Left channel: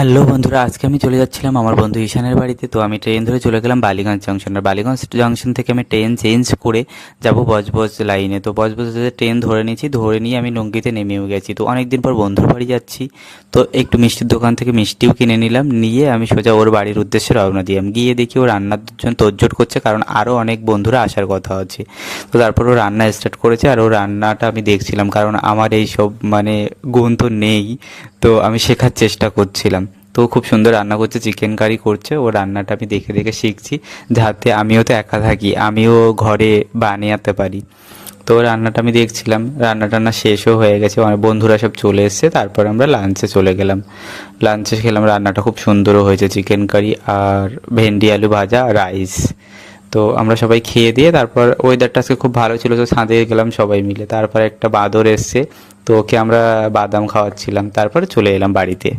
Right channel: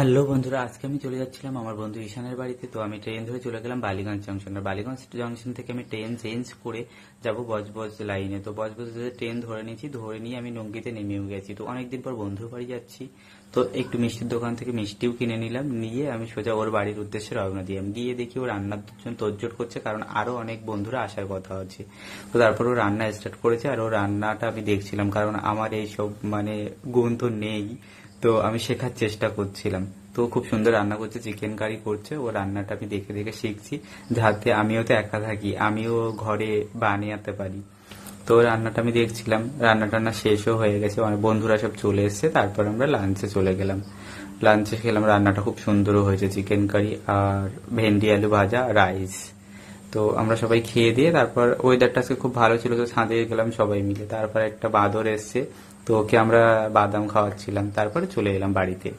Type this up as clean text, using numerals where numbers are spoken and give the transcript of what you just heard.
Hello বন্ধুরা, আজকে আমি চলে যাচ্ছিলাম আমার বন্ধু ঈশানের বাড়িতে। তো আমি ট্রেন ধরে চলে গেলাম বালিগঞ্জ জংশন। আর বালিগঞ্জ জংশন থেকে আমি ট্রেন চেঞ্জ করে যাব বজবজ লাইনে। তো বজবজে ট্রেন ধরে নিয়েছি, ধরে নিয়ে আমি নঙ্গিতে নেমেও গেছি। তো অনেক দিন পর বন্ধুর বাড়ি যাচ্ছি, তো একটু মিষ্টির দোকান থেকে মিষ্টিও কিনে নিলাম, নিয়ে আমি সোজা ওর বাড়ির উদ্দেশ্যে রওনা দিলাম। গিয়ে দেখি ও রান্নার জন্য তোড়জোড় করছে, কারণ আরও অনেক বন্ধুরা আসার কথা আছে। তো তারপর ও রান্না স্টার্ট করেছে, আর ও রান্নাটা আমি দেখছিলাম, কারণ আমার এই সব গুণ তো নেই। তো আমি শেখার চেষ্টা করছিলাম। তো ও খুব সুন্দর রান্না করছে, চিকেন কারি করছে। ও রান্নাটা আমি দেখে দেখে শিখছি, যাতে আমিও তো একা থাকি, আমিও ঘরে বানাতে পারি। তো রান্নাটা আমি দেখছিলাম, রান্না টান্না শেষও হয়ে গেছে, অনেক বন্ধুরা সব চলে এসেছে। তারপর আমরা লাঞ্চে চলে গেলাম, লাঞ্চে খেলাম। রান্নাটা খুব সুন্দরও হয়েছে, চিকেন কারি আর ভেন্ডি আলু ভাজা, রাইস। তো আমরা সবাই খেয়ে দিয়ে তারপর ওয়েদারটা আজকে খুব ভালো ছিল, তো ছাদে গেলাম সবাই মিলে। তারপর একটা বাঁদর এসছে, তো ওকে আমরা বাদাম খাওয়াচ্ছিলাম, তারপরে চলে এলাম বাড়িতে।